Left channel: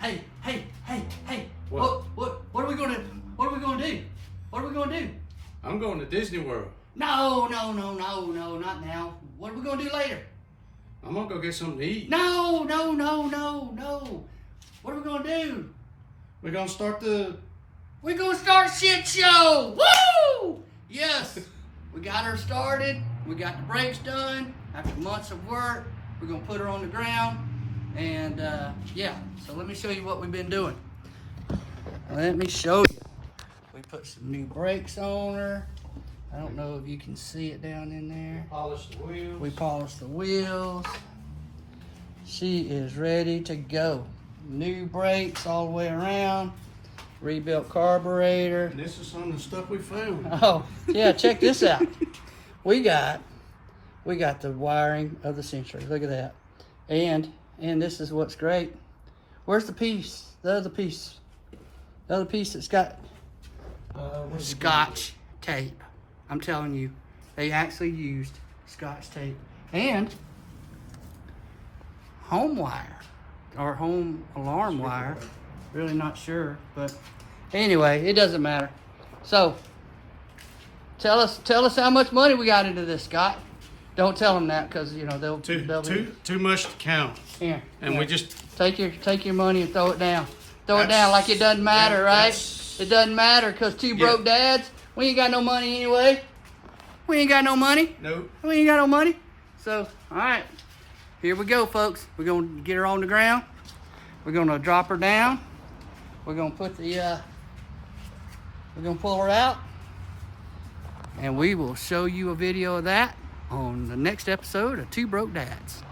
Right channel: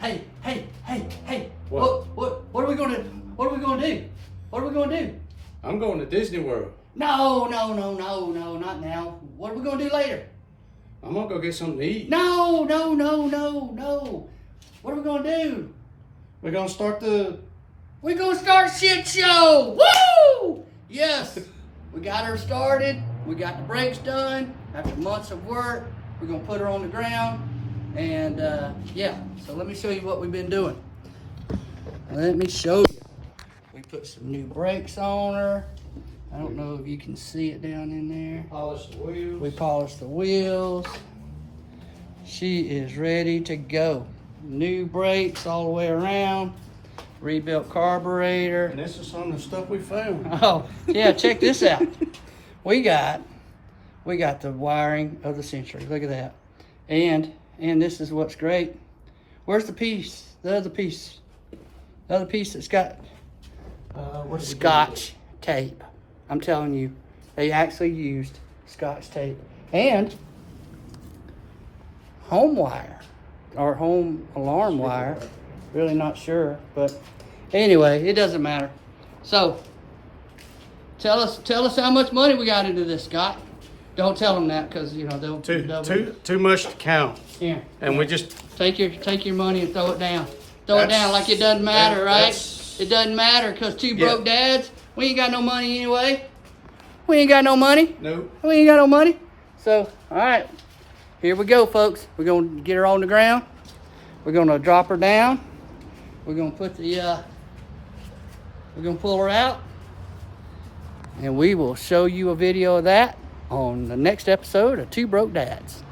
Hey, hey, hey, hey. What? What are we gonna do? What are we gonna do? What are we gonna do? I'm going to Disney World. No, not now. What are we gonna do later? I'm gonna go get something to eat. No. What are we gonna do? We're gonna start We're gonna start shit show. Woo! Yes. We got her started. We got the brakes done. After months of work, we're gonna put her on the ground. And yeah, so let me show you what we've been doing. Let me show you. We put some new brakes on her. I don't know if you can see it down in there. polish the wheels. We polished the wheels. She is ready to go. New brakes all the way around. Rebuilt carburetor. And this is some of the stuff we found. Oh, yeah, check this out. We got the wiring of the Century. Look at that. And this is what's great. Where's the piece? The other piece. The other piece that's got Scotch tape. I'm telling you, they actually used Scotch tape. And home wire or home alarm wire. Really not sure, but anyway, it doesn't matter. So tell us how much money we got into this, Scott. Don't tell them that, because you know they'll Too much to count. Here, And we just take your money and throw it down. Throw it down like it doesn't matter, right? It doesn't matter, because two broke dads, we ain't got no money anyway. We ain't got no money. Nope. We ain't got no money. So, all right, here we go, folks. We're gonna get her on the ground. We're gonna drop her down. We're gonna put the we're gonna pull her out, and we will show you a video of that on the next episode of Two Broke Dads.